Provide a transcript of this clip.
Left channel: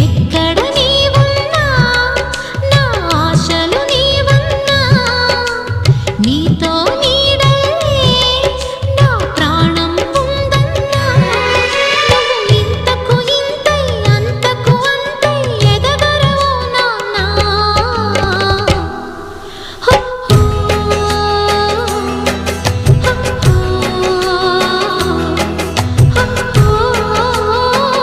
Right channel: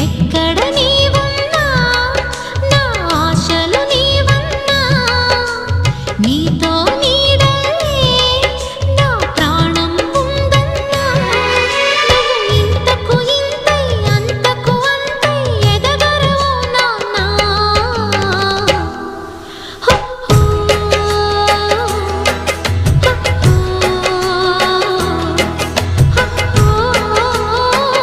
ఎక్కడ నీ